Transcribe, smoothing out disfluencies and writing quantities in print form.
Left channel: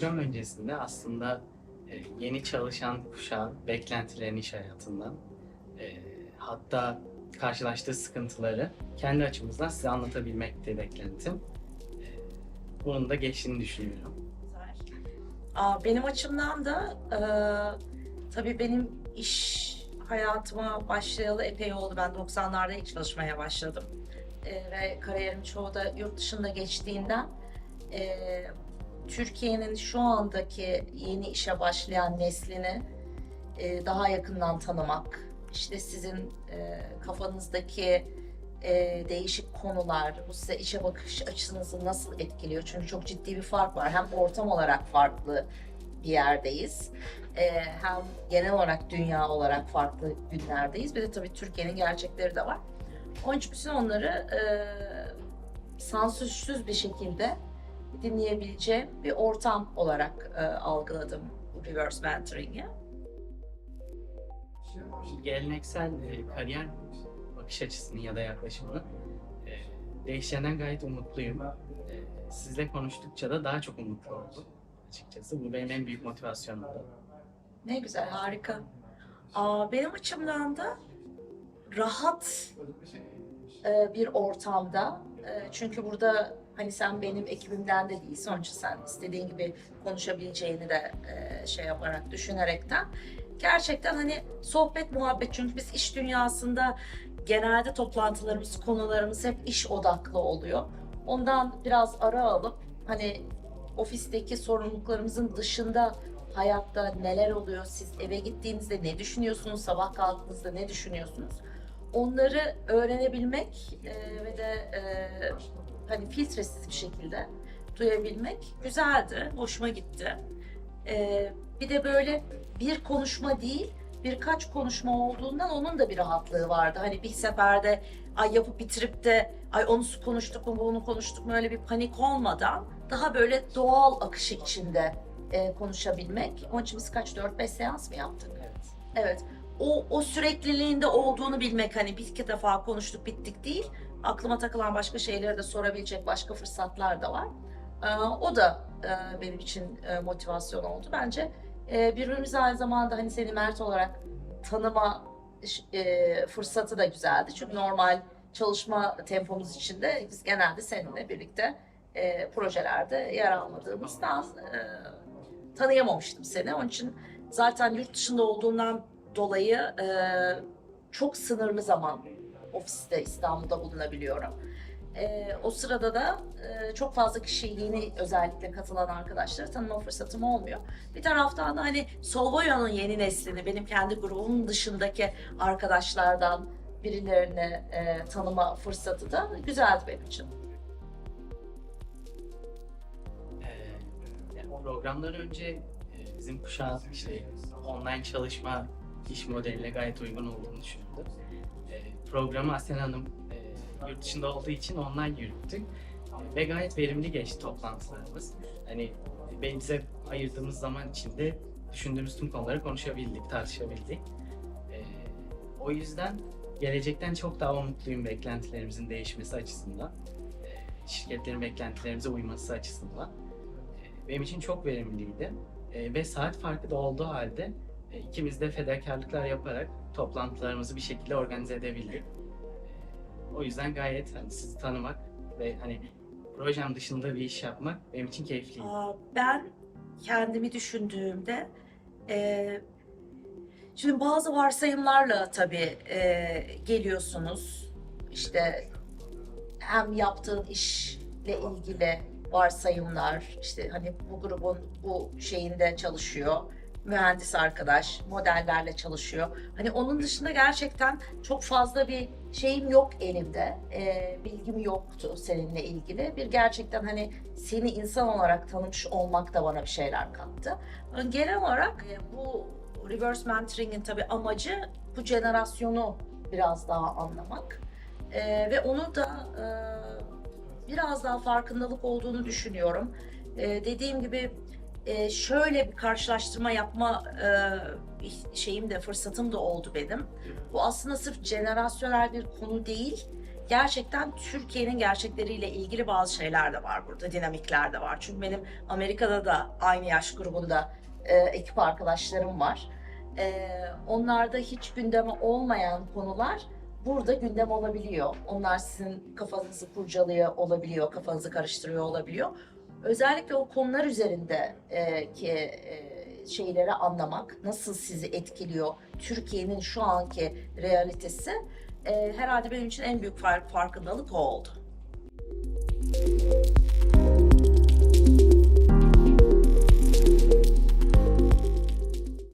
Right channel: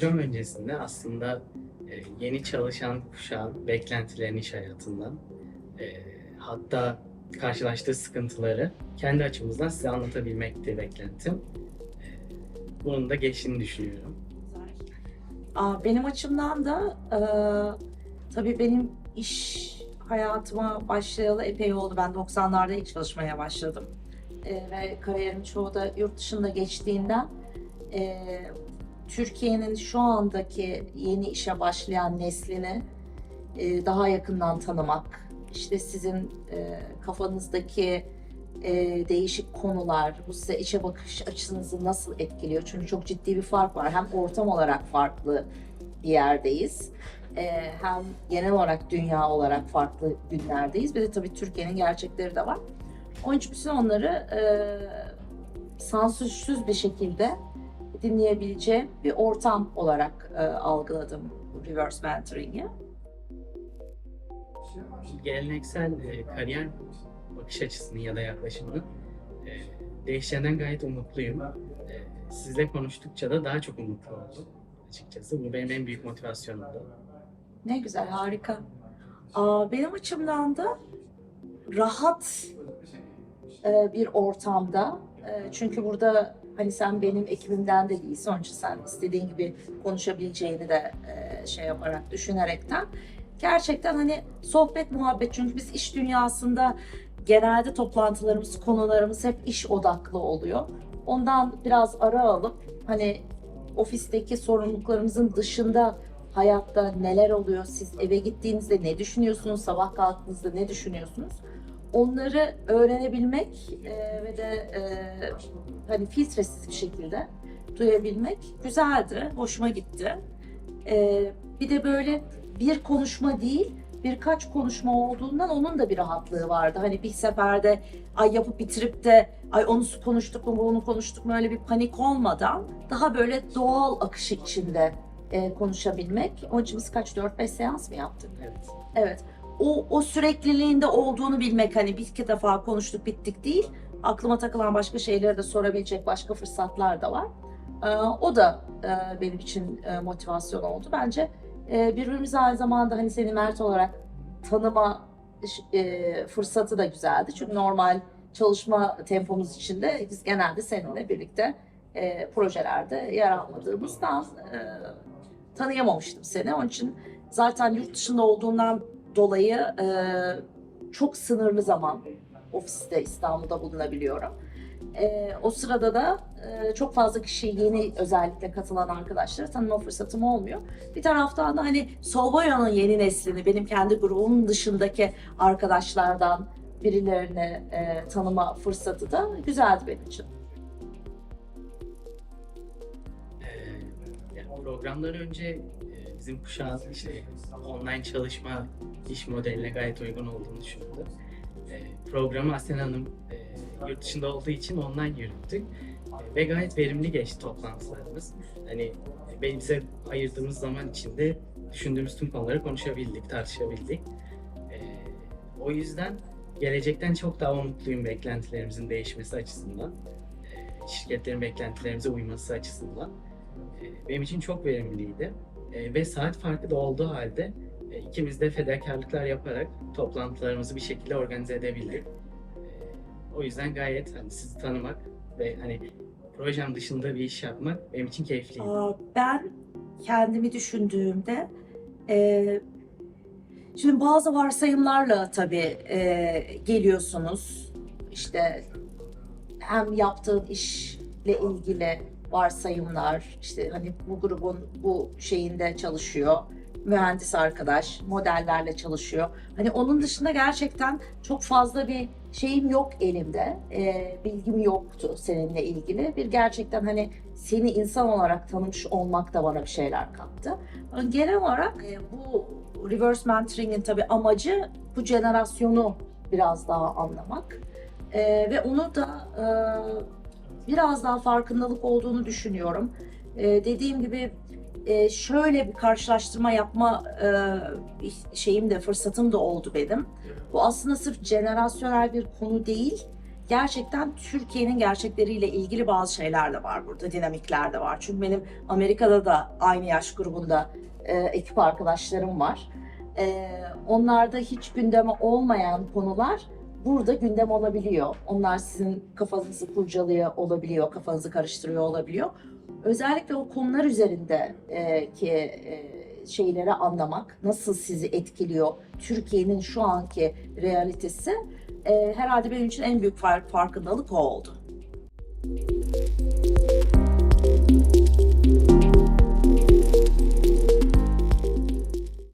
program öncesinde aslında yeni çalışan kuşağın beklentilerini iş hayatından, hatta karşılaştığı sıkıntıları kendi açımızdan size anlatabilmekti beklentim. Bunun da geçtiğini düşünüyorum. Benim açımdan da tabii benim iş hayatıma başlayalı epey oldu. Ben 90'larda ilk çalışmaya başladım. Ve kariyerim çoğu da yurt dışında geçtiğinden Türkiye'nin şu andaki yeni işe başlayan neslini daha yakından tanımak, işte sizin kafanızdaki değişik konular, bu size işe bakış açınızı nasıl etkiliyor? Çünkü çok ciddi bir fark var. Hem ortam olarak farklı bir yerdeyiz, hem genel olarak dünya olarak farklı günlerdeyiz. Bir de tabii Türkiye'nin gerçekleri de var. Onun için bütün onları sansürsüz bir şekilde dinleyebileceğim bir ortam olarak algıladım bu reverse mentoring'i. Geleneksel kariyer bakış açısını ya da yaklaşımını değişeceğinden gayet umutluyum. Sizle konuştukça da daha çok umutlu oldum açıkçası. Bu benim en büyük motivasyonumdu. Ne güzel, harika. Benim açımdan da rahat bir ortamda, çünkü burada hani sen benim ekibimden de değilsin, onun için sen istediğin gibi konuşabileceğini de şey yaparak, düşünerekten gerçekten hani sohbet, muhabbet, çünkü biz iş dünyasında genelde toplantılarımız, konularımız hep iş odaklı oluyor. Ondan biraz ara alıp hani ofisteki sorumluluklarımızın dışında hayatta neler oluyor, siz eve gittiğinizde ne düşünüyorsunuz, sabah kalktığınızda ne düşünüyorsunuz? Onları öğrenebilmek ve de hani filtresiz bir şekilde duyabilmek güzeldi, hoşuma gitti. Bir de böyle bir konuşma değil, birkaç konuşma olduğundan onun da bir rahatlığı vardı. Hani bir seferde ay yapıp bitirip de ay onu konuştuk mu, bunu konuştuk mu, öyle bir panik olmadan daha böyle doğal akışı içinde konuşabilmek. Onun için biz kaç, 4-5 seans mı yaptık? Evet. Evet. O sürekliliğinde olduğunu bilmek, hani bir iki defa konuştuk bittik değil. Aklıma takılan başka şeyleri de sorabilecek başka fırsatlar da var. O da benim için motivasyon oldu. Bence birbirimizi aynı zamanda hani seni Mert olarak tanıma fırsatı da güzeldi. Çünkü normal çalışma tempomuz içinde biz genelde seninle birlikte projelerde yer almadığımızdan tanıyamamıştım seni. Onun için zaten yurt dışında olduğundan dolayı çok sınırlı zaman ofiste İstanbul'da bulunabiliyorum. O sırada da çok fazla kişi, yeni özellikle katılan arkadaşları tanıma fırsatım olmuyor. Bir taraftan da hani Solboya'nın yeni neslini, benim kendi grubumun dışındaki arkadaşlardan birilerini tanıma fırsatı da güzeldi benim için. Yani programdan önce bizim kuşağın işte online çalışma iş modeline gayet uygun olduğunu düşünüyordu. Programı Aslen Hanım yurt dışında olduğu için online yürüttük ve gayet verimli geçti toplantılarımız. Hani bize ayırdığımız zaman içinde düşündüğümüz tüm konuları konuşabildik, tartışabildik. O yüzden gelecekten çok daha umutluyum beklentilerimizin değişmesi açısından, şirketlerin beklentilerimize uyması açısından. Benim için çok verimliydi ve saat farkı da olduğu halde ikimiz de fedakarlıklar yaparak toplantılarımızı bir şekilde organize edebildik. O yüzden gayet hani sizi tanımak ve hani projem dışında bir iş yapmak benim için keyifliydi. Ben kendimi düşündüğümde şimdi bazı varsayımlarla tabii geliyorsunuz. İşte hem yaptığın işle ilgili varsayımlar, işte hani bu grubun bu şeyinde çalışıyor, mühendis arkadaş, modellerle çalışıyor. Hani onun dışında gerçekten çok fazla bir şeyim yok elimde, bilgim yoktu seninle ilgili. Bir gerçekten hani seni insan olarak tanımış olmak da bana bir şeyler kattı. Genel olarak bu reverse mentoring'in tabii amacı bu jenerasyonu biraz daha anlamak. Ve onu da biraz daha farkındalık olduğunu düşünüyorum. Dediğim gibi şöyle bir karşılaştırma yapma şeyim de, fırsatım da oldu benim. Bu aslında sırf jenerasyonel bir konu değil. gerçekten Türkiye'nin gerçekleriyle ilgili bazı şeyler de var burada, dinamikler de var. Çünkü benim Amerika'da da aynı yaş grubunda ekip arkadaşlarım var. Onlarda hiç gündeme olmayan konular burada gündem olabiliyor. Onlar sizin kafanızı kurcalıyor olabiliyor, kafanızı karıştırıyor olabiliyor. Özellikle o konular üzerinde ki şeyleri anlamak, nasıl sizi etkiliyor, Türkiye'nin şu anki realitesi herhalde benim için en büyük farkındalık o oldu.